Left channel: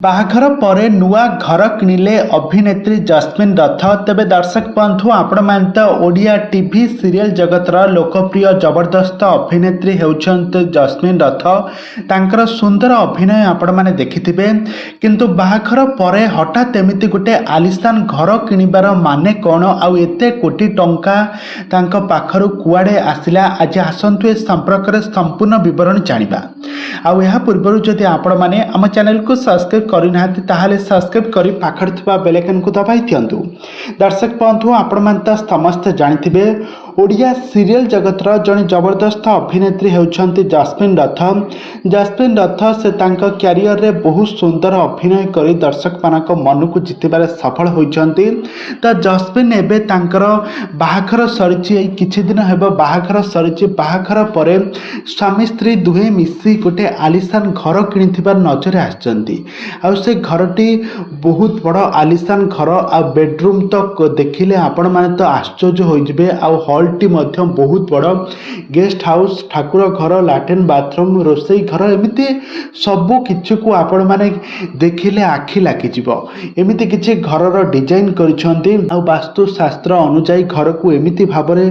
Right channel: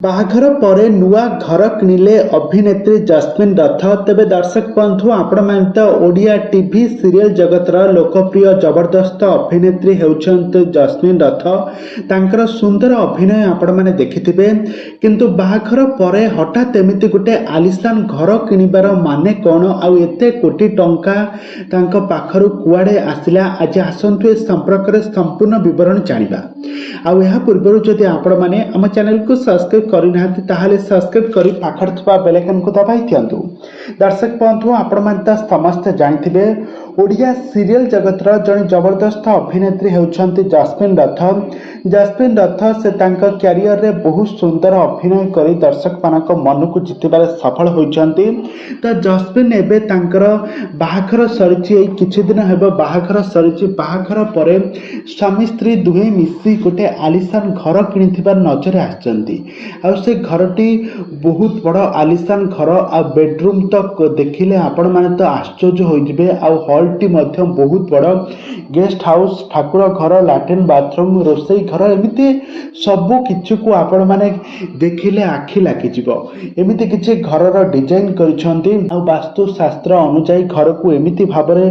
ବାହାଘର ପରେ ନୂଆ ଘର କିଣିଲେ ଅଭିନେତ୍ରୀ ଜସ୍ମିନ୍ ରଥ। ତେବେ ଦର୍ଶକ ବନ୍ଧୁ, ଆପଣମାନେ ତ ଓଡ଼ିଆ ଟିଭି ସିରିଏଲ ଜଗତର ଲୋକପ୍ରିୟ ଜବରଦସ୍ତ ଅଭିନେତ୍ରୀ ହେଉଛନ୍ତି ଜସ୍ମିନ୍ ରଥ। ତାଙ୍କର ସୁନ୍ଦର ଅଭିନୟ ଆପଣମାନେ ଦେଖିଥିବେ, କିନ୍ତୁ ବାହାଘର ପରେ ହଠାତ୍ ଏମିତି ଗୋଟେ ଆଲିଶାନ ଘର କିଣିବାର ମାନେ କ'ଣ, ଆଉ ଏତେ କୋଟି ଟଙ୍କା ତାଙ୍କ ପାଖରୁ କୁଆଡ଼େ ଆସିଲା? ଆଜି ଆସନ୍ତୁ ଏ ସମ୍ପର୍କରେ ସମ୍ପୂର୍ଣ୍ଣ ବିବରଣୀ ଜାଣିବା। ଆଉ ଏହା ପୂର୍ବରୁ ଯଦି ଆପଣମାନେ ଆମ ଚ୍ୟାନେଲକୁ ସବସ୍କ୍ରାଇବ୍ କରିନାହାନ୍ତି ତାହେଲେ ସବସ୍କ୍ରାଇବ୍ କରି ପାଖରେ ଥିବା ବେଲ୍ ଆଇକନକୁ ଦବାଇ ଦିଅନ୍ତୁ। ଦର୍ଶକ ବନ୍ଧୁ, ଆପଣମାନେ ତ ସମସ୍ତେ ଜାଣିଥିବେ ଓଡ଼ିଆ ସିରିଏଲ ଜଗତର ଜଣେ ଜବରଦସ୍ତ ଅଭିନେତ୍ରୀ ହେଉଛନ୍ତି ଜସ୍ମିନ୍ ରଥ। ଜସ୍ମିନ୍ ରଥ ସେ ତାଙ୍କ କ୍ୟାରିୟରରେ ବହୁତ ସୁନ୍ଦର ଅଭିନୟ କରି ଦର୍ଶକମାନଙ୍କ ମନକୁ ଜିତିବାରେ ସଫଳ ହୋଇଛନ୍ତି। ତ ଜସ୍ମିନ୍ ଏବେ ତାଙ୍କର ବାହାଘର ସରିଛି, ଏଇ କିଛି ଦିନ ହେବ ବାହାଘର ସରିଛି। ବାହାଘର ପରେ ସ୍ୱାମୀ ସ୍ତ୍ରୀ ଦୁହେଁ ମିଶି ଗୋଟେ ଆଲିଶାନ ଘର କିଣିଥିବା ନଜରରେ ଆସିଛନ୍ତି। ଆଉ ସେ ଘରଟି ବହୁତ ବଡ଼ ଆଲିଶାନ ଘର, ଆଉ ବେଡରୁମ୍ ତ ଦେଖିଲେ ଆପଣମାନେ ତ ଆଶ୍ଚର୍ଯ୍ୟ ହୋଇଯିବେ। ଆଉ ହଲ୍ଟି ମଧ୍ୟ ବହୁତ ବଡ଼। ଗେଷ୍ଟ ହାଉସ୍, ଠାକୁର ଘର, ଲାଟ୍ରିନ୍, ବାଥରୁମ୍, ରୋଷେଇ ଘର, ଏମିତି ସବୁ କିଛିକୁ ଆପଣମାନେ ଦେଖିଲେ ଆଖି ଲାଗିଯିବ। ଏମିତି କିଛି ଘରର ଡିଜାଇନ୍ କରିଛନ୍ତି, ଆଉ ବାସ୍ତୁଶାସ୍ତ୍ର ଅନୁଯାୟୀ ଘରକୁ ଏମିତି ଭାବରେ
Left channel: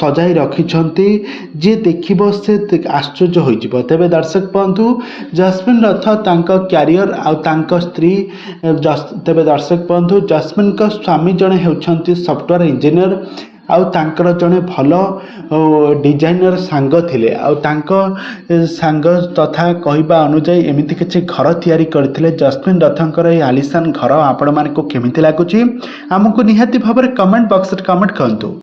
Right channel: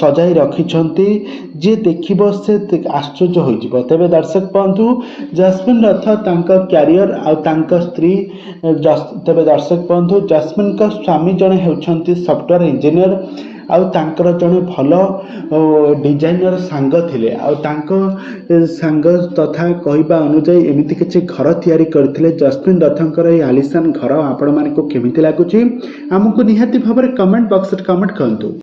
ସଜାଇ ରଖିଛନ୍ତି ଯିଏ ଦେଖିବ ସେ ଆଶ୍ଚର୍ଯ୍ୟ ହୋଇଯିବ। ତେବେ ଦର୍ଶକ ବନ୍ଧୁ, ଜସ୍ମିନ୍ ରଥ ତାଙ୍କ କ୍ୟାରିୟର ଆଉ ତାଙ୍କ ସ୍ତ୍ରୀ ତେବେ ଦର୍ଶକ ବନ୍ଧୁ, ଜସ୍ମିନ୍ଙ୍କ ସ୍ୱାମୀ ଜଣେ ହେଉଛନ୍ତି ସଫ୍ଟୱେୟାର ଇଞ୍ଜିନିୟର, ଆଉ ତାଙ୍କର ଜଣେ ଭଲ ଡିଜାଇନର ସାଙ୍ଗ ଥିଲେ। ଆଉ ତାଙ୍କ ସାଙ୍ଗ ତଥା କହିବା ଅନୁଯାୟୀ ଏମିତି କିଛି ଘର ତିଆରି କରିଥିଲେ। ଜସ୍ମିନ୍ ରଥଙ୍କର ଏହି ଆଲିଶାନ ଘର ଆପଣମାନଙ୍କୁ କେମିତି ଲାଗୁଛି? ଆମକୁ ନିହାତି ଭାବରେ କମେଣ୍ଟ ବକ୍ସରେ କମେଣ୍ଟ କରନ୍ତୁ।